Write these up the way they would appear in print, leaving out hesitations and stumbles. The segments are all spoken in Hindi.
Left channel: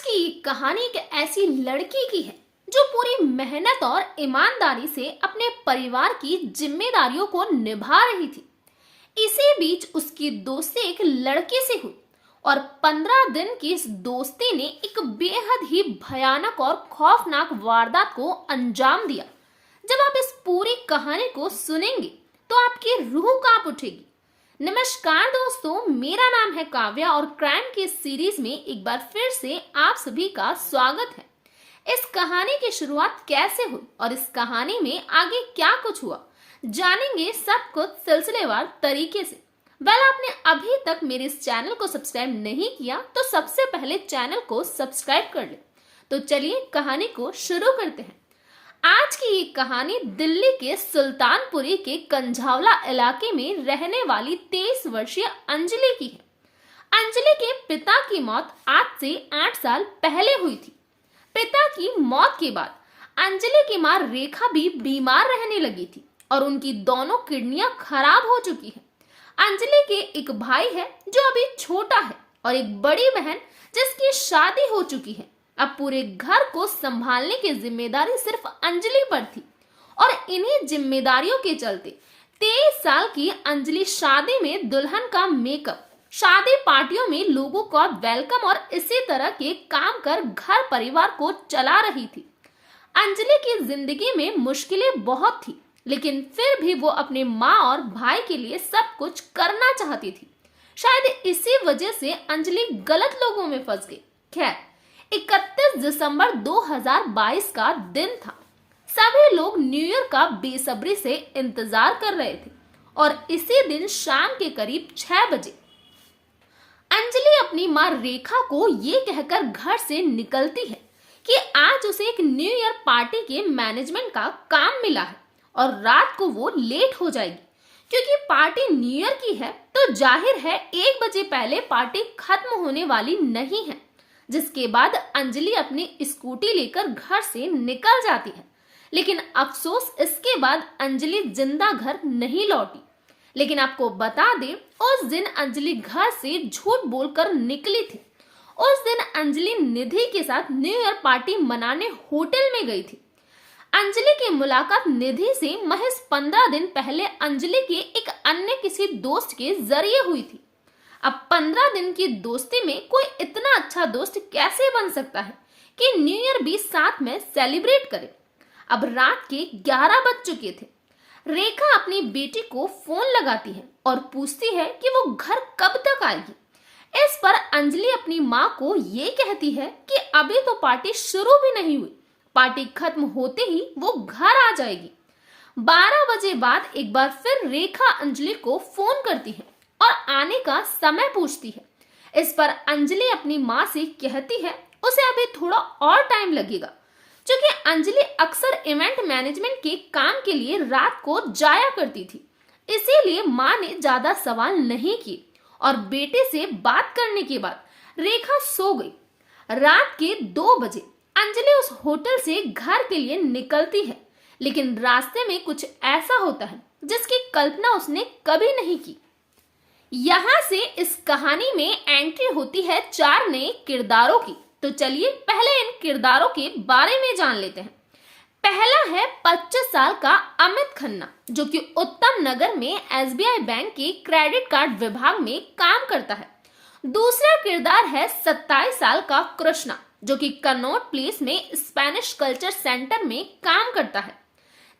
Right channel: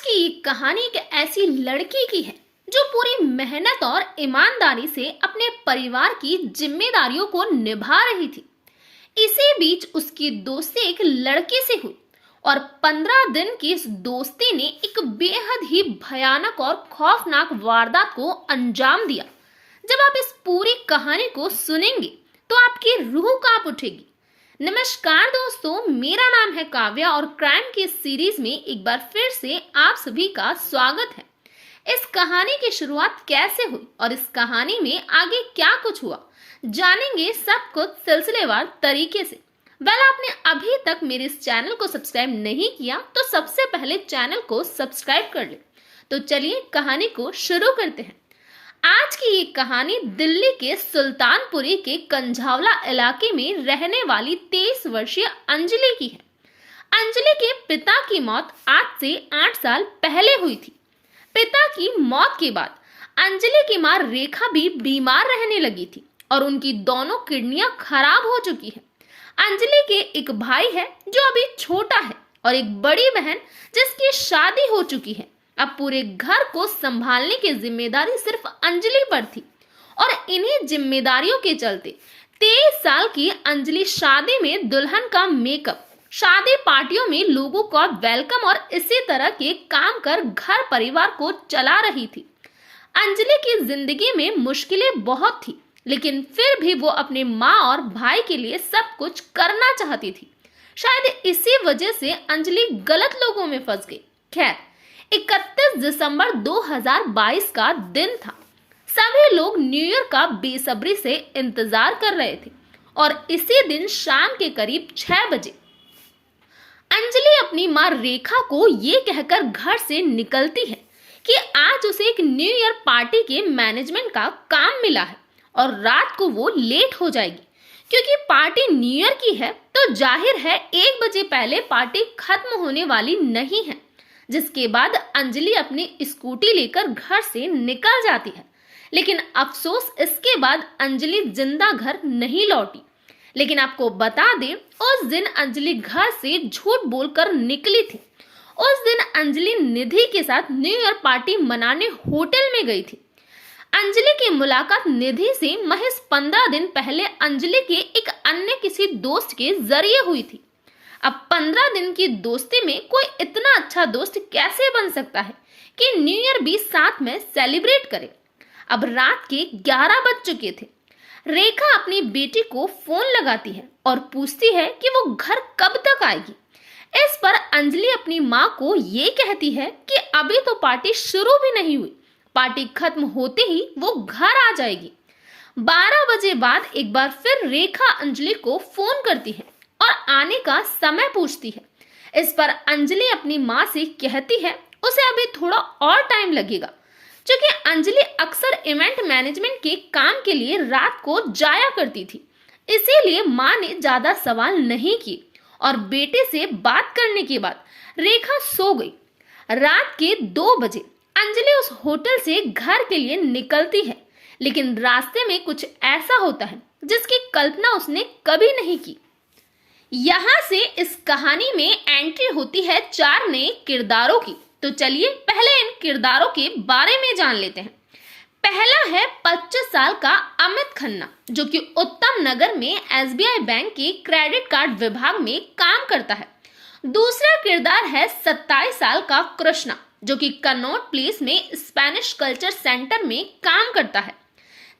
की ये कहानी एक ऐसी लड़की की है जो पूरी मेहनत और ईमानदारी से अपने परिवार की जिम्मेदारियों को निभा रही थी। इसी बीच उसकी दोस्ती एक लड़के से हुई और 15 दिन की इस दोस्ती ने एक बेहद ही भयानक और खौफनाक वारदात को अंजाम दिया। जब आप इस पूरी कहानी को सुनेंगे तो आपकी रूह कांप उठेगी। नमस्कार दोस्तों, मेरा नाम है काव्या और क्राइम की सीरीज में एक बार फिर से आप सभी का स्वागत है। इस कहानी की शुरुआत कैसे हुई और इस कहानी में आगे क्या कुछ हुआ, जानेंगे सब कुछ सिलसिलेवार तरीके से। आपने अभी तक मेरे इस चैनल को सब्सक्राइब नहीं किया तो सबसे पहले चैनल को सब्सक्राइब कर ले। तो चलिए कहानी को शुरू करते हैं। आज की ये कहानी दिल्ली के सुल्तानपुरी के कंझावला इलाके में रहने वाली 23 वर्षीय अंजलि की है। अंजलि के पिता की मौत आज से 8 साल पहले हुई थी। पिता की मौत के बाद अंजलि की मां रेखा भी बीमार रहने लगी थी और उनकी दोनों किडनियां खराब हो चुकी हैं। अंजलि के एक भाई है जो अभी छोटा है और एक बड़ी बहन जिसकी शादी हो चुकी है। अब पूरे घर को संभालने की जिम्मेदारी सिर्फ अंजलि पर थी और इन्हीं जिम्मेदारियों के चलते 23 साल की अंजलि शादी में दुल्हन का मेकअप, शादी पार्टियों में लोगों का वेलकम और इसी तरह के काम कर घर परिवार को चला रही थी। अंजलि की जिंदगी में मुश्किलें बहुत थी, लेकिन फिर भी वो अपने माँ और भाई के लिए सब कुछ करना चाहती थी। शायद इसी वजह से अंजलि गलत लोगों में फंस गई। खैर, 31 दिसंबर 2022 का दिन था। सभी लोग न्यू ईयर का बेसब्री से इंतजार कर रहे थे और इसी दिन शाम के करीब 6 बजे अंजलि अपनी मां रेखा को ये कहकर घर से निकलती है कि आज उसे एक न्यू ईयर पार्टी के मैनेजमेंट का काम मिला है और रात को वो लेट हो जाएगी। क्योंकि पार्टी न्यू ईयर की है तो जाहिर है 1 बजे पहले पार्टी खत्म होने वाली नहीं है। जिसके बाद अंजलि अपनी स्कूटी लेकर घर से निकल जाती है, लेकिन अफसोस इसके बाद अंजलि जिंदा घर नहीं लौटी। लेकिन आपको बता दें, उस दिन अंजलि घर से झूठ बोलकर निकली थी। उस दिन अंजलि निधि के साथ न्यू ईयर पार्टी मनाने होटल में गई थी। अंजलि की मुलाकात निधि से महज 15 दिन पहले अंजलि के एक अन्य किसी दोस्त के जरिए हुई थी। अब 15 दिन की दोस्ती में कोई इतना अच्छा दोस्त कैसे बन सकता है कि न्यू ईयर भी साथ में सेलिब्रेट करे। अब रात के 11 बज चुके थे। रेखा अपनी बेटी को फोन लगाती है और पूछती है कि वो घर कब तक आएगी। इस पर अंजलि अपनी माँ को ये कहती है कि अभी तो पार्टी शुरू भी नहीं हुई, पार्टी खत्म होते ही वो घर आ जाएगी। 12 बजे बाद एक बार फिर रेखा अंजलि को फोन करती है और आने का समय पूछती है। इस पर अंजलि अपनी माँ से कहती है उसे अभी थोड़ा और टाइम लगेगा, क्योंकि अंजलि अक्सर इवेंट मैनेजमेंट के काम के लिए रात को जाया करती थी। इसीलिए माँ ने ज्यादा सवाल नहीं किए और बेटे से बात करने के बाद रेखा सो गई। रात के 2 बजे अंजलि उस होटल से घर के लिए निकलती है, लेकिन रास्ते में कुछ ऐसा होता है जिसकी कल्पना उसने कभी नहीं की। यहाँ से इस कहानी में एंट्री होती है 4 नए किरदारों की। तो चलिए पहले इन किरदारों के बारे में जान लेते हैं। पहला है 25 साल का अमित खन्ना, जो कि उत्तम नगर में SBI बैंक के क्रेडिट कार्ड विभाग में काम करता है। दूसरा किरदार है 27 साल का कृष्णा, जो कि कनॉट प्लेस में स्पेनिश कल्चर सेंटर में काम करता है।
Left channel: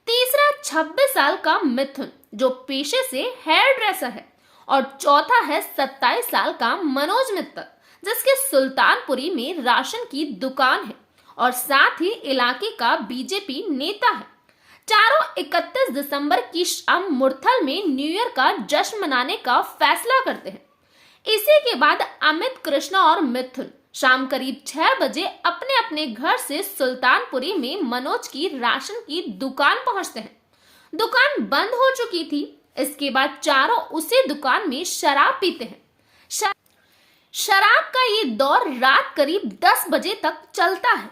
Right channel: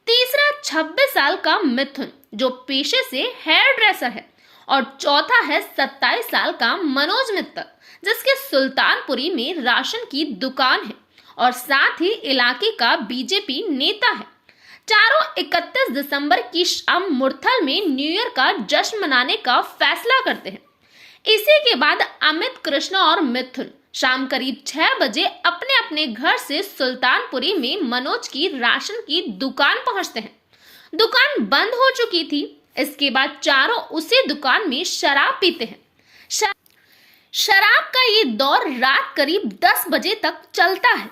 तीसरा 26 साल का मिथुन, जो पेशे से हेयर ड्रेसर है। और चौथा है 27 साल का मनोज मित्तल, जिसके सुल्तानपुरी में राशन की दुकान है और साथ ही इलाके का बीजेपी नेता है। चारों 31 दिसंबर की शाम मुरथल में न्यू ईयर का जश्न मनाने का फैसला करते हैं। इसी के बाद अमित, कृष्णा और मिथुन शाम करीब 6 बजे अपने अपने घर से सुल्तानपुरी में मनोज की राशन की दुकान पहुंचते हैं। दुकान बंद हो चुकी थी। इसके बाद चारों उसी दुकान में शराब पीते हैं। शराब का ये दौर रात करीब 10 बजे तक चलता है।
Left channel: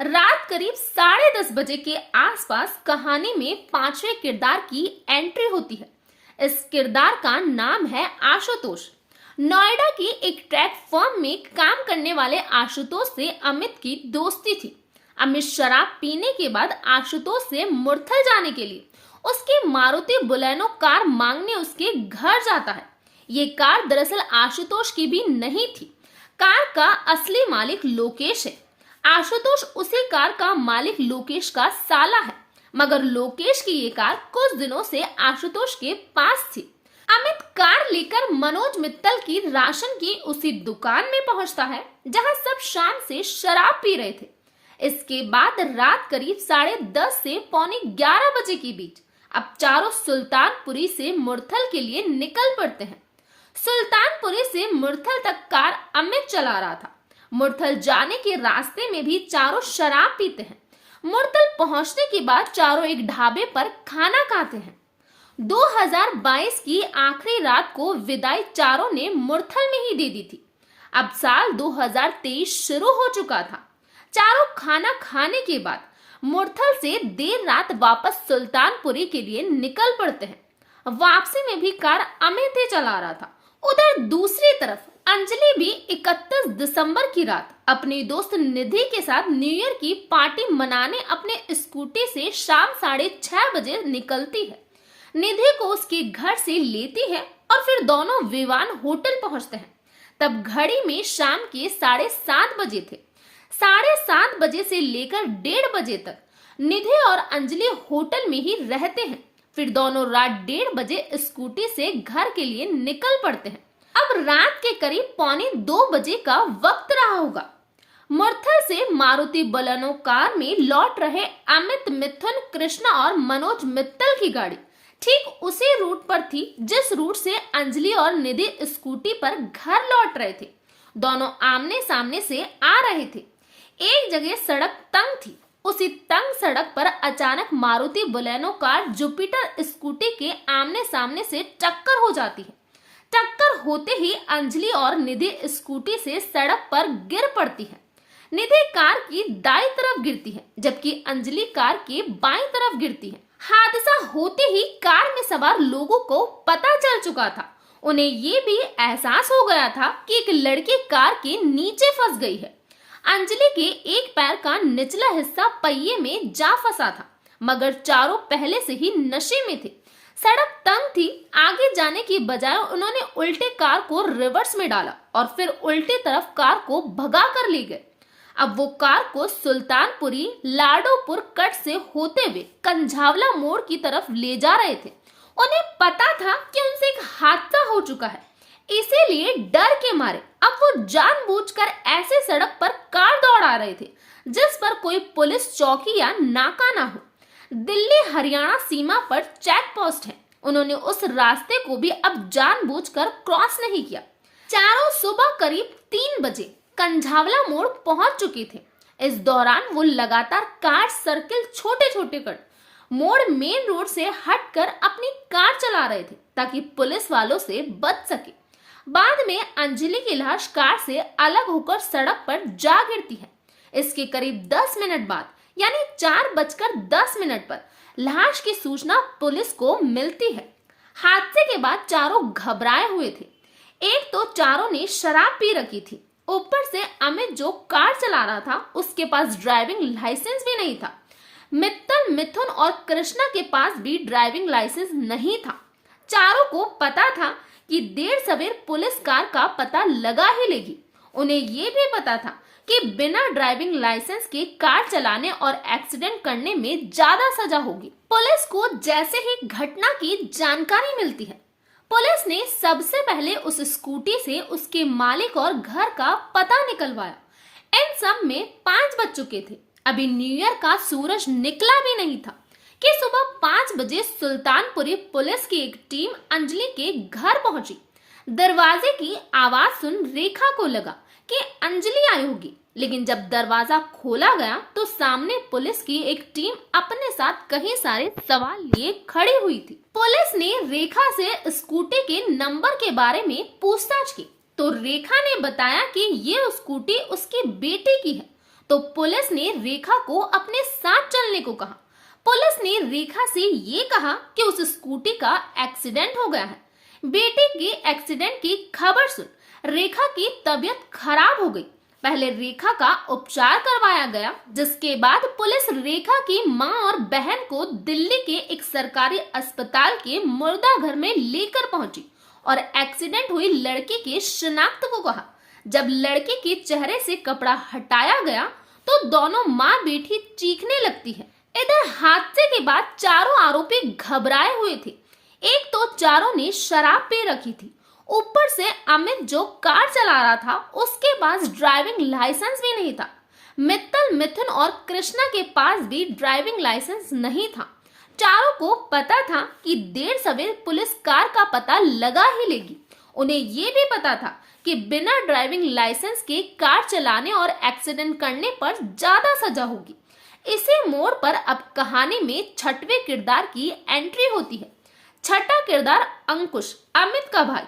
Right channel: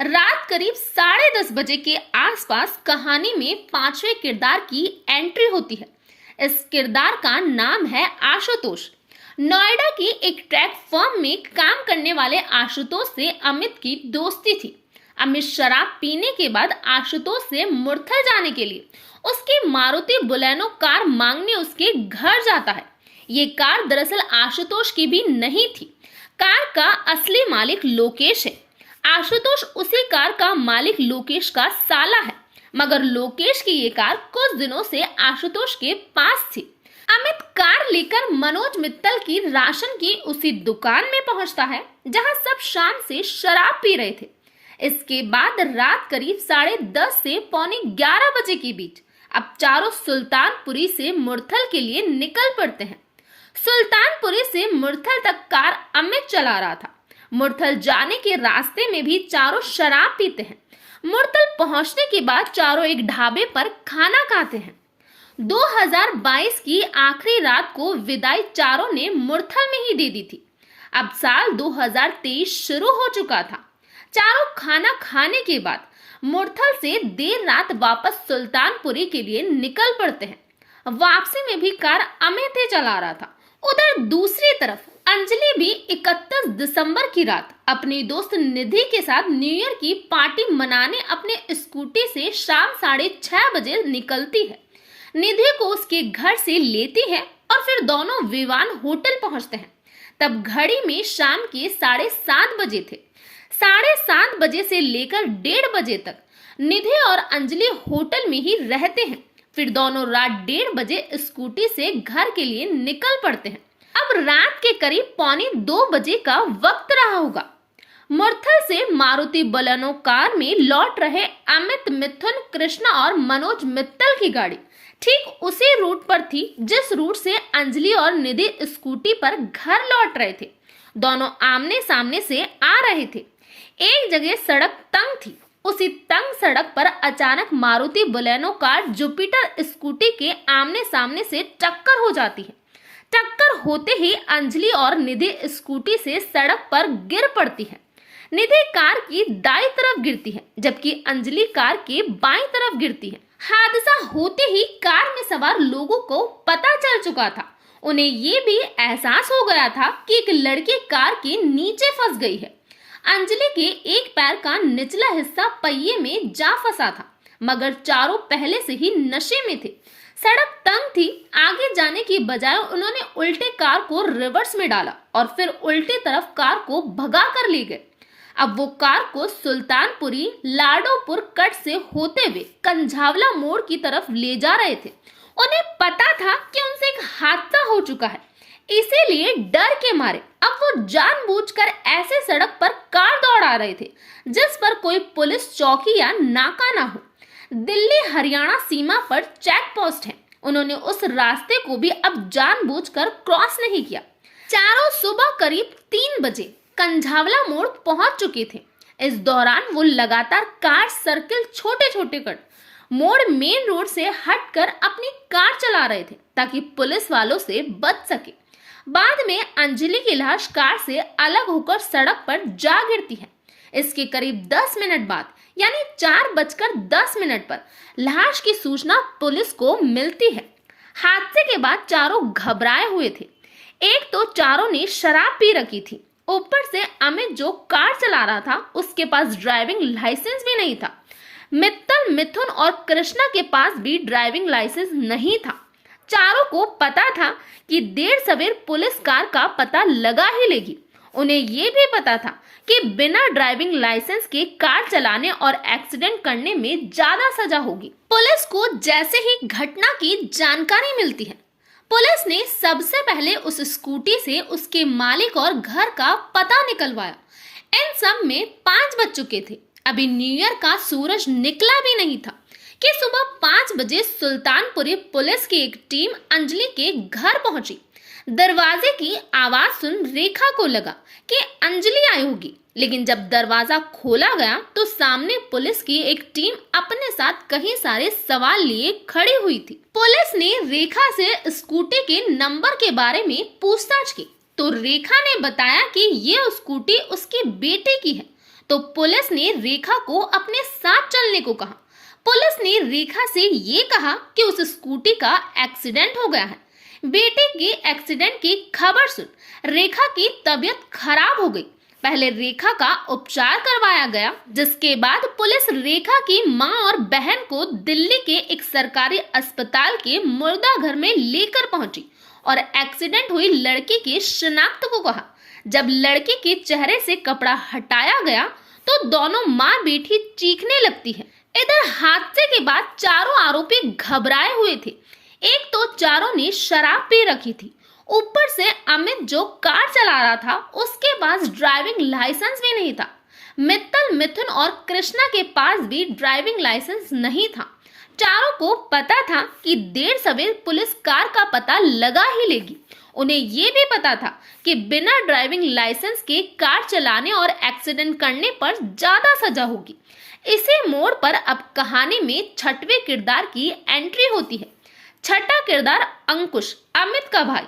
रात करीब 10:30 बजे के आसपास कहानी में 5वें किरदार की एंट्री होती है। इस किरदार का नाम है आशुतोष। नोएडा की एक ट्रैक फर्म में काम करने वाले आशुतोष से अमित की दोस्ती थी। अमित शराब पीने के बाद आशुतोष से मुरथल जाने के लिए उसकी मारुति बुलेनो कार मांगने उसके घर जाता है। ये कार दरअसल आशुतोष की भी नहीं थी। कार का असली मालिक लोकेश है। आशुतोष उसी कार का मालिक लोकेश का साला है, मगर लोकेश की ये कार कुछ दिनों से आशुतोष के पास थी। अमित कार लेकर मनोज मित्तल की राशन की उसी दुकान में पहुंचता है जहां सब शाम से शराब पी रहे थे। इसके बाद रात करीब 10:30 से पौने 11 बजे के बीच अब चारों सुल्तानपुरी से मुरथल के लिए निकल पड़ते हैं। सुल्तानपुरी से मुरथल तक कार अमित चला रहा था। मुरथल जाने के रास्ते में भी चारों शराब पीते हैं। मुरथल पहुंचने के बाद चारों एक ढाबे पर खाना खाते हैं। 2022 की आखिरी रात को विदाई चारों ने मुरथल में ही दे दी थी। अब साल 2023 शुरू हो चुका था। चारों खाना खाने के बाद मुरथल से देर रात वापस सुल्तानपुरी के लिए निकल पड़ते हैं। वापसी में भी कार अमित ही चला रहा था। उधर दूसरी तरफ अंजलि भी 31 दिसंबर की रात अपनी दोस्त निधि के साथ न्यू ईयर की पार्टी मनाने अपने स्कूटी से शाम 6:30 बजे निकलती है। निधि को उसके घर से लेती है और फिर दोनों विवान होटल पहुंचते हैं। तब घड़ी में शाम के 7:30 बजे थे। 7:30 बजे से लेकर 1:30 बजे तक निधि और अंजलि होटल में ही रहते हैं। फिर दोनों रात 1:30 बजे स्कूटी से घर के लिए निकल पड़ते हैं। अब रात के करीब पौने 2 बजे का वक्त रहा होगा। मुरथल से मारुति बलेनो कार में लौट रहे अमित, मिथुन, कृष्णा और मनोज मित्तल की गाड़ी ठीक उसी रूट पर थी जिस रूट से अंजलि और निधि स्कूटी पर घर लौट रहे थे। दोनों आमने सामने से आ रहे थे। एक जगह सड़क तंग थी। उसी तंग सड़क पर अचानक Maruti Baleno car Jupiter scooty के आमने सामने से टक्कर हो जाती है। टक्कर होते ही अंजलि और निधि स्कूटी से सड़क पर गिर पड़ती है। निधि कार की दाईं तरफ गिरती है जबकि अंजलि कार के बाईं तरफ गिरती है। हादसा होते ही कार में सवार लोगों को पता चल चुका था। उन्हें ये भी एहसास हो गया था कि एक लड़की कार के नीचे फंस गई है। अंजलि के एक पैर का निचला हिस्सा पहिए में जा फंसा था, मगर चारों पहले से ही नशे में थे। सड़क तंग थी। आगे जाने की बजाय उन्होंने उल्टे कार को रिवर्स में डाला और फिर उल्टी तरफ कार को भगा कर ले गए। अब वो कार को सुल्तानपुरी लाडोपुर कट से होते हुए कंझावला मोड़ की तरफ ले जा रहे थे। उन्हें पता था कि उनसे एक हादसा हो चुका है, इसीलिए डर के मारे अब वो जानबूझकर ऐसे सड़क पर कार दौड़ा रहे थे जिस पर कोई पुलिस चौकी या नाका ना हो। दिल्ली हरियाणा सीमा पर चेक पोस्ट है। उन्होंने उस रास्ते को भी अब जानबूझकर क्रॉस नहीं किया। चारों सुबह करीब 3 बजे कंझावला मोड़ पहुंच चुके थे। इस दौरान वो लगातार कार सर्किल छोटे छोटे कर मोड़ मेन रोड से हटकर अपनी कार चला रहे थे ताकि पुलिस वालों से बच सके। बाद में अंजलि की लाश कार से अलग होकर सड़क पर जा गिरती है। इसके करीब 10 मिनट बाद यानी 4:10 पर लाश की सूचना पुलिस को मिलती है। हादसे के बाद चारों घबराए हुए थे। एक तो चारों ने शराब पी रखी थी, ऊपर से अमित जो कार चला रहा था उसके पास ड्राइविंग लाइसेंस भी नहीं था। मित्तल, मिथुन और कृष्णा के पास भी ड्राइविंग लाइसेंस नहीं था। चारों को पता था कि देर सवेर पुलिस कार का पता लगा ही लेगी। उन्हें ये भी पता था कि बिना ड्राइविंग लाइसेंस के कार चलाने और एक्सीडेंट करने में ज्यादा सजा होगी। पुलिस को जैसे ही घटना की जानकारी मिलती है, पुलिस ने सबसे पहले उस स्कूटी से उसके मालिक और घर का पता निकलवाया। इन सब में 5 बज चुके थे। अभी न्यू ईयर का सूरज निकला भी नहीं था कि सुबह 5 बजे सुल्तानपुरी पुलिस की एक टीम अंजलि के घर पहुंची। दरवाजे की आवाज सुन रेखा को लगा कि अंजलि आई होगी, लेकिन जब दरवाजा खोला गया तो सामने पुलिस की एक टीम अपने साथ कई सारे सवाल लिए खड़ी हुई थी। पुलिस ने रेखा से स्कूटी के नंबर के बारे में पूछताछ की तो रेखा ने बताया कि ये स्कूटी उसकी बेटे की है। तो पुलिस ने रेखा को अपने साथ चलने को कहा। पुलिस ने रेखा से ये कहा कि उस स्कूटी का एक्सीडेंट हो गया है, बेटे के एक्सीडेंट की खबर सुन रेखा की तबीयत खराब हो गई। पहले रेखा का उपचार करवाया गया, जिसके बाद पुलिस रेखा की मां और बहन को दिल्ली के एक सरकारी अस्पताल के मुर्दा घर में लेकर पहुंची और एक्सीडेंट हुई लड़की की शिनाख्त को कहा। जब लड़की के चेहरे से कपड़ा हटाया गया तो दोनों मां बेटी चीखने लगती है। इधर हादसे के बाद चारों आरोपी घबराए हुए थे। एक तो चारों ने शराब पी रखी थी, ऊपर से अमित जो कार चला रहा था उसके पास ड्राइविंग लाइसेंस भी नहीं था। मित्तल, मिथुन और कृष्णा के पास भी ड्राइविंग लाइसेंस नहीं था। चारों को पता था कि देर सवेर पुलिस कार का पता लगा ही लेगी। उन्हें ये भी पता था कि बिना ड्राइविंग लाइसेंस के कार चलाने और एक्सीडेंट करने पर ज्यादा सजा होगी। इसी मोड़ पर अब कहानी में छठवें किरदार की एंट्री होती है। छठा किरदार अंकुश, अमित का भाई।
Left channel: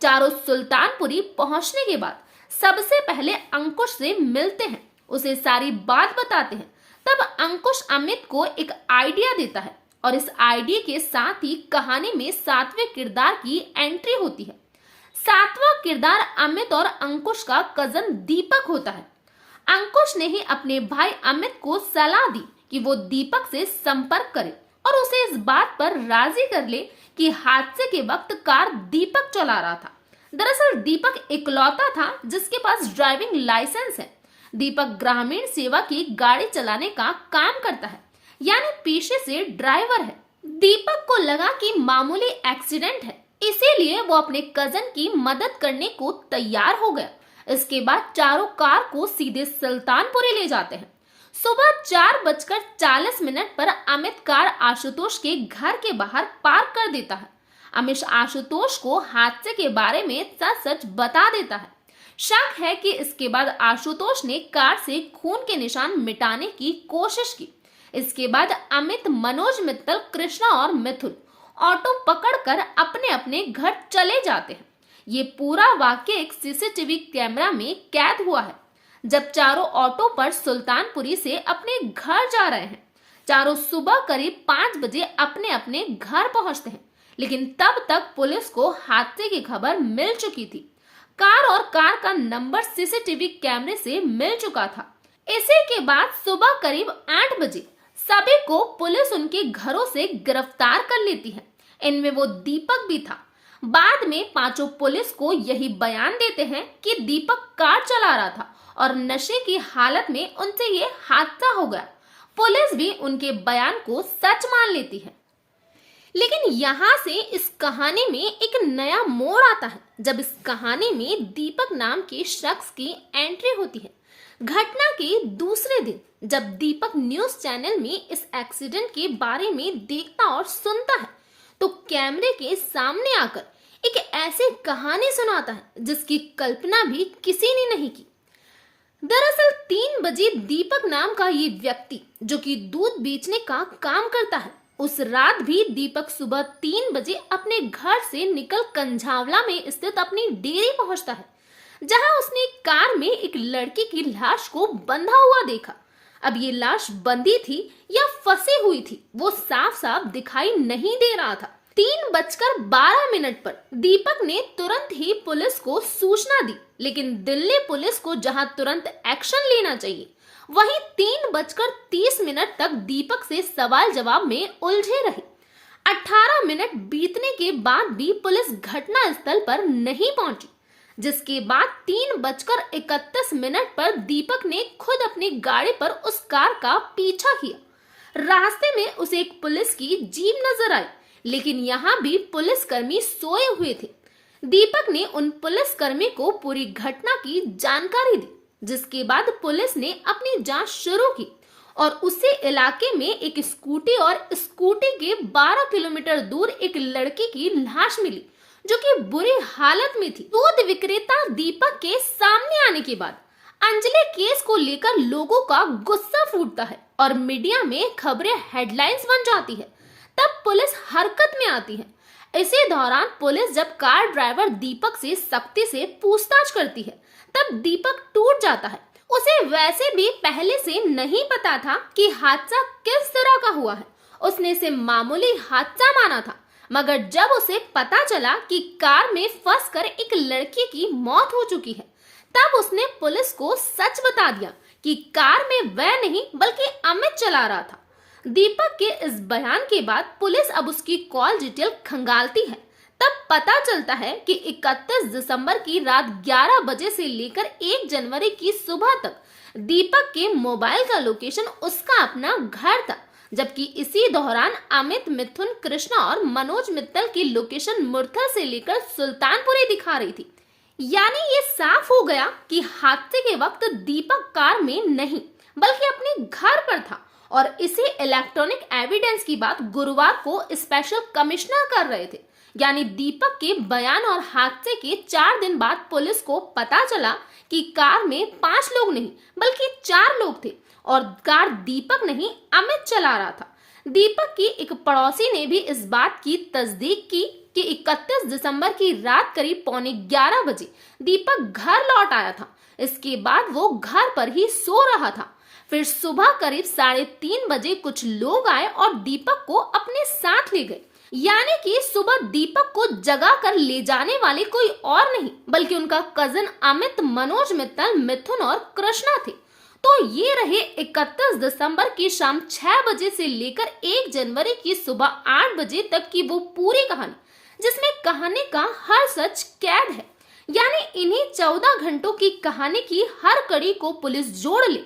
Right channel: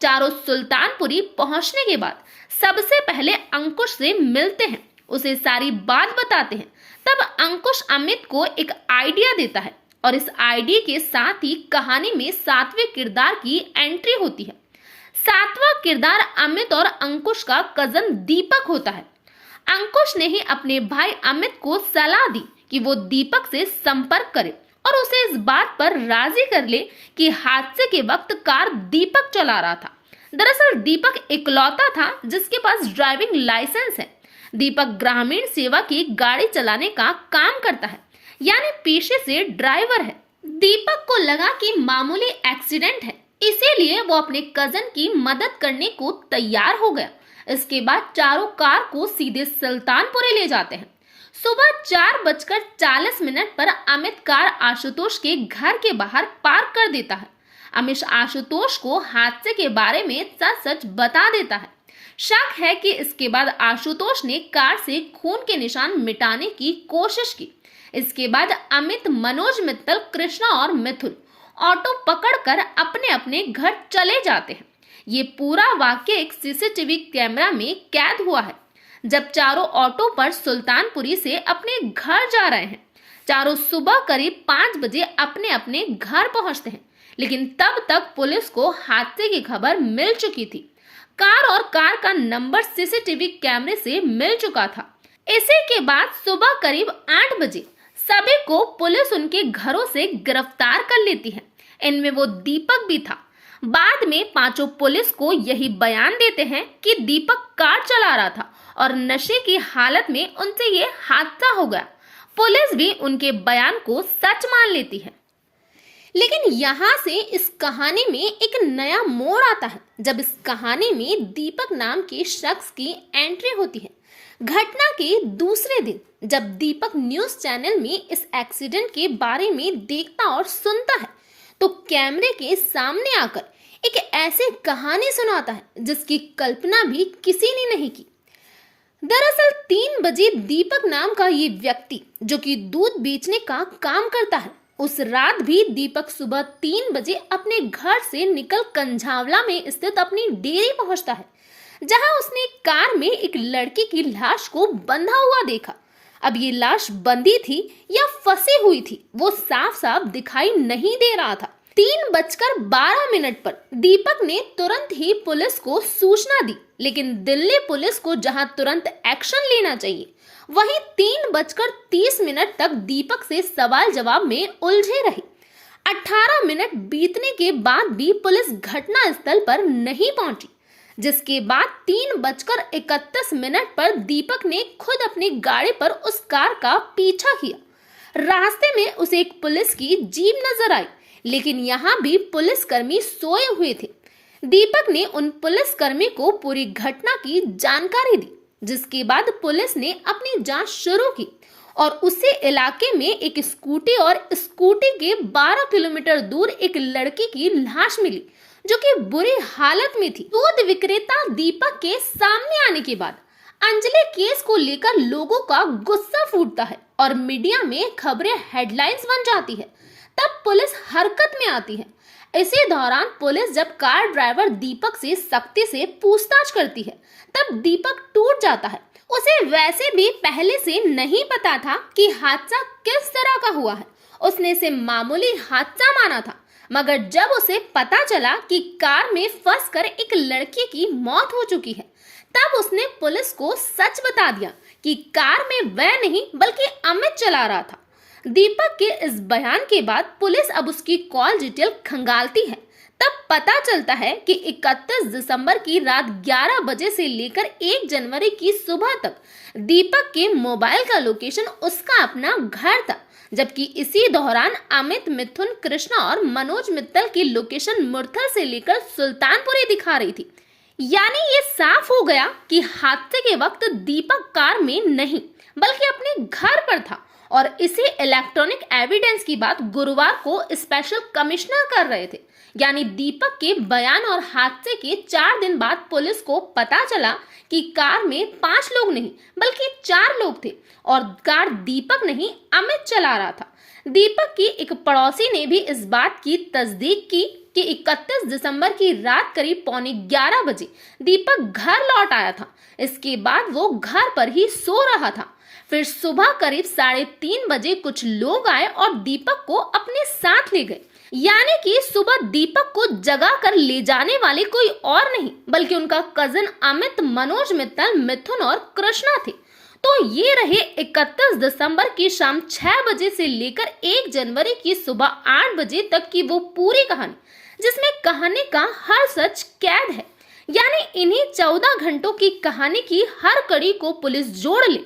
चारों सुल्तानपुरी पहुंचने के बाद सबसे पहले अंकुश से मिलते हैं, उसे सारी बात बताते हैं। तब अंकुश अमित को एक आइडिया देता है और इस आइडिया के साथ ही कहानी में सातवें किरदार की एंट्री होती है। सातवां किरदार अमित और अंकुश का कजन दीपक होता है। अंकुश ने ही अपने भाई अमित को सलाह दी कि वो दीपक से संपर्क करे और उसे इस बात पर राजी कर ले कि हादसे के वक्त कार दीपक चला रहा था। दरअसल दीपक इकलौता था जिसके पास ड्राइविंग लाइसेंस है। दीपक ग्रामीण सेवा की गाड़ी चलाने का काम करता है, यानी पेशे से ड्राइवर है। दीपक को लगा कि मामूली एक्सीडेंट है, इसीलिए वो अपने कजन की मदद करने को तैयार हो गया। इसके बाद चारों कार को सीधे सुल्तानपुरी ले जाते हैं। सुबह 4:40 पर अमित कार आशुतोष के घर के बाहर पार्क कर देता है। अमित आशुतोष को हादसे के बारे में सच सच बता देता है। शक है कि इसके बाद आशुतोष ने कार से खून के निशान मिटाने की कोशिश की। इसके बाद अमित, मनोज, मित्तल, कृष्णा और मिथुन ऑटो पकड़कर अपने अपने घर चले जाते हैं। ये पूरा वाक्य एक सीसीटीवी कैमरा में कैद हुआ है। जब चारों ऑटो पर सुल्तानपुरी से अपने घर जा रहे हैं, चारों सुबह करीब 5 बजे अपने अपने घर पहुंचते हैं, लेकिन तब तक पुलिस को हादसे की खबर मिल चुकी थी। कार और कार का नंबर सीसीटीवी कैमरे से मिल चुका था। इसी के बाद सुबह करीब 8 बजे सभी को पुलिस उनके घरों से गिरफ्तार कर लेती है। इनमें वो दीपक भी था। बाद में पांचों पुलिस को यही बयान देते हैं कि दीपक कार चला रहा था और नशे की हालत में उनसे ये हादसा हो गया। पुलिस भी उनके बयान को सच मान लेती है। लेकिन यहाँ से इस कहानी में एक नया मोड़ आता है जब इस कहानी में दीपक नाम के शख्स की एंट्री होती है। घटना के दूसरे दिन जब दीपक न्यूज चैनल में इस एक्सीडेंट के बारे में देखता और सुनता है तो कैमरे के सामने आकर एक ऐसी कहानी सुनाता है जिसकी कल्पना भी किसी ने नहीं की। दरअसल 3 बजे दीपक नाम का ये व्यक्ति जो कि दूध बेचने का काम करता है, उस रात भी दीपक सुबह 3 बजे अपने घर से निकल कंझावला में स्थित अपनी डेयरी पहुंचता है, जहां उसने कार में एक लड़की की लाश को बंधा हुआ देखा। अब ये लाश बंधी थी या फंसी हुई थी वो साफ साफ दिखाई नहीं दे रहा था। 3:12 पर दीपक ने तुरंत ही पुलिस को सूचना दी, लेकिन दिल्ली पुलिस को जहां तुरंत एक्शन लेना चाहिए वहीं 3:30 तक दीपक से सवाल जवाब में उलझे रही। 18 मिनट बीतने के बाद भी पुलिस घटना स्थल पर नहीं पहुंची, जिसके बाद 3:31 पर दीपक ने खुद अपनी गाड़ी पर उस कार का पीछा किया। रास्ते में उसे एक पुलिस की जीप नजर आई, लेकिन यहाँ भी पुलिसकर्मी सोए हुए थे। दीपक ने उन पुलिसकर्मी को पूरी घटना की जानकारी दी, जिसके बाद पुलिस ने अपनी जांच शुरू की और उसी इलाके में एक स्कूटी और स्कूटी के 12 किलोमीटर दूर एक लड़की की लाश मिली जो कि बुरी हालत में थी। दूध विक्रेता दीपक के सामने आने के बाद अंजलि केस को लेकर लोगों का गुस्सा फूटता है और मीडिया में खबरें हेडलाइंस बन जाती है। तब पुलिस हरकत में आती है। इसी दौरान पुलिस जब कार ड्राइवर दीपक से सख्ती से पूछताछ करती है तब दीपक टूट जाता है। उसे वैसे भी पहले से नहीं पता था कि हादसा किस तरह का हुआ है। उसने इसे मामूली हादसा माना था। मगर जब उसे पता चला कि कार में फंसकर एक लड़की की मौत हो चुकी है, तब उसने पुलिस को सच बता दिया कि कार में वह नहीं बल्कि अमित चला रहा था। दीपक के इस बयान के बाद पुलिस अब उसकी कॉल डिटेल खंगालती है। तब पता चलता है कि 31 दिसंबर की रात 11 बजे से लेकर 1 जनवरी की सुबह तक दीपक के मोबाइल का लोकेशन उसका अपना घर था, जबकि इसी दौरान अमित, मिथुन, कृष्णा और मनोज मित्तल की लोकेशन मुरथल से लेकर सुल्तानपुरी दिखा रही थी। यानी ये साफ हो गया कि हादसे के वक्त दीपक कार में नहीं बल्कि अपने घर पर था और इसी इलेक्ट्रॉनिक एविडेंस की बात गुरुवार को स्पेशल कमिश्नर कर रहे थे। यानी दीपक के बयान और हादसे के 4 दिन बाद पुलिस को पता चला कि कार में 5 लोग नहीं बल्कि 4 लोग थे और कार दीपक नहीं अमित चला रहा था। दीपक की एक पड़ोसी ने भी इस बात की तस्दीक की कि 31 दिसंबर की रात करीब 11:15 बजे दीपक घर लौट आया था। इसके बाद वो घर पर ही सो रहा था। फिर सुबह करीब 3:30 बजे कुछ लोग आए और दीपक को अपने साथ ले गए। यानी कि सुबह दीपक को जगा कर ले जाने वाले कोई और नहीं बल्कि उनका कजन अमित, मनोज मित्तल, मिथुन और कृष्णा थे। तो ये रहे 31 दिसंबर की शाम 6 बजे से लेकर 1 जनवरी की सुबह 8 बजे तक की वो पूरी कहानी, जिसमें कहानी का हर सच कैद है। यानी इन्हीं 14 घंटों की कहानी की हर कड़ी को पुलिस जोड़ ले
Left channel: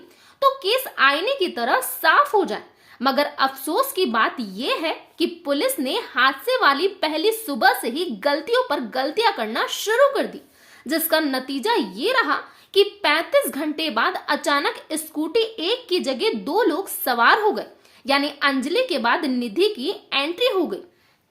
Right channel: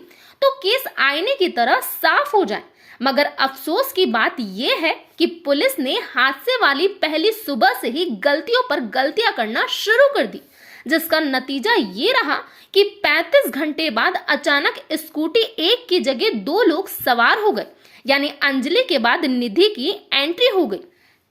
तो केस आईने की तरह साफ हो जाए। मगर अफसोस की बात यह है कि पुलिस ने हादसे वाली पहली सुबह से ही गलतियों पर गलतियां करना शुरू कर दी, जिसका नतीजा ये रहा कि 35 घंटे बाद अचानक स्कूटी एक की जगह 2 लोग सवार हो गए। यानी अंजलि के बाद निधि की एंट्री हो गई।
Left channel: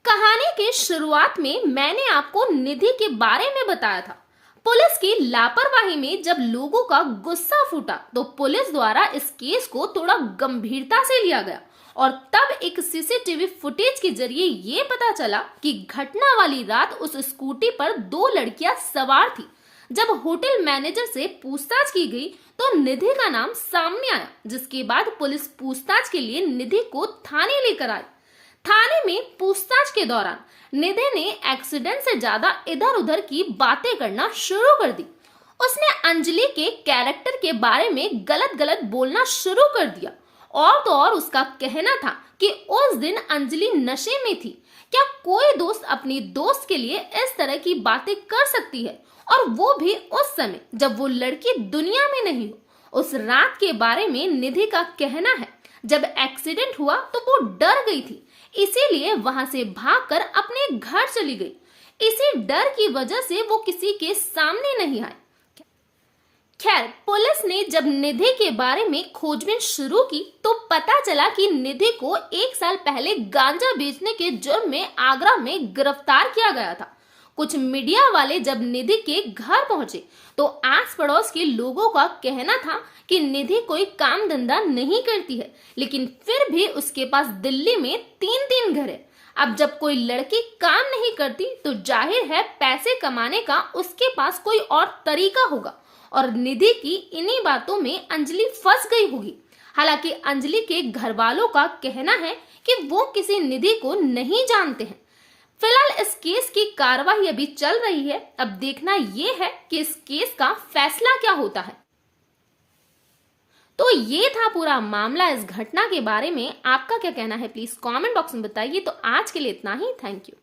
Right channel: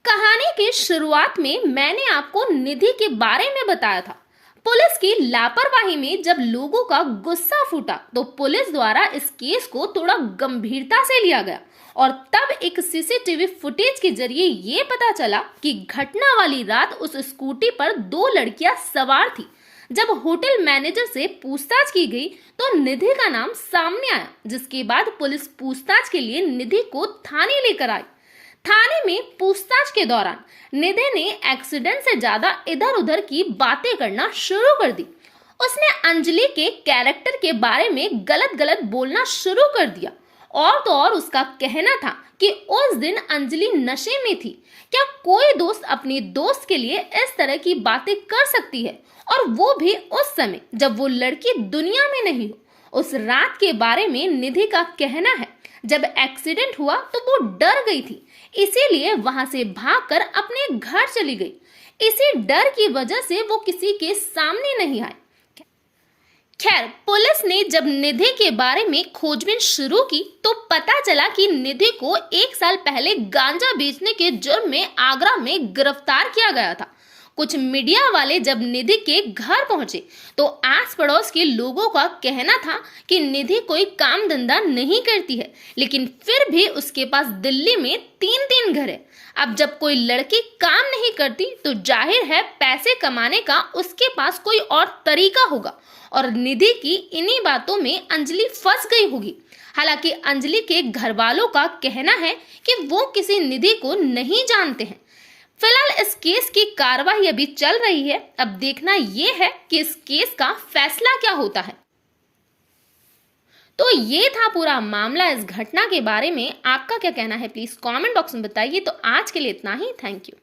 कहानी की शुरुआत में मैंने आपको निधि के बारे में बताया था। पुलिस की लापरवाही में जब लोगों का गुस्सा फूटा तो पुलिस द्वारा इस केस को थोड़ा गंभीरता से लिया गया और तब एक सीसीटीवी फुटेज के जरिए ये पता चला कि घटना वाली रात उस स्कूटी पर 2 लड़कियां सवार थी। जब होटल मैनेजर से पूछताछ की गई तो निधि का नाम सामने आया, जिसके बाद पुलिस पूछताछ के लिए निधि को थाने लेकर आई। थाने में पूछताछ के दौरान निधि ने एक्सीडेंट से ज्यादा इधर उधर की बातें करना शुरू कर दी। उसने अंजलि के कैरेक्टर के बारे में गलत गलत बोलना शुरू कर दिया। और तो और उसका कहना था कि उस दिन अंजलि नशे में थी। क्या कोई दोस्त अपनी दोस्त के लिए इस तरह की बातें कर सकती है, और वो भी उस समय जब वो लड़की दुनिया में नहीं हो। उस रात के बारे में निधि का कहना है, जब एक्सीडेंट हुआ तो वो डर गई थी, इसीलिए वहां से भागकर अपने घर चली गई। इसी डर की वजह से वो किसी के सामने नहीं आई। खैर, पुलिस ने जब निधि के बारे में खोजबीन शुरू की तो पता चला कि निधि को 1 साल पहले गांजा बेचने के जुर्म में आगरा में गिरफ्तार किया गया था। कुछ मीडिया वाले जब निधि के घर पहुंचे तो आस पड़ोस के लोगों का कहना था कि निधि कोई काम धंधा नहीं करती है, लेकिन फिर भी उसके पास दिल्ली में 3 घर है। अब जब कोई लड़की काम नहीं करती तो जाहिर है पैसे कमाने का उसके पास कोई और तरीका होगा, और निधि की इन्हीं बातों में अंजलि फंस गई होगी। हालांकि अंजलि के घर वालों का कहना है कि वो किसी निधि को नहीं जानते हैं। फिलहाल इस केस की कार्रवाई अभी चल रही है। अब देखना यह है कि इस केस का फैसला क्या होता है। तो ये था पूरा मामला। इस घटना के बारे में आपका क्या कहना है, प्लीज कमेंट बॉक्स में बताइए। तो आज के लिए इतना ही। Thank you.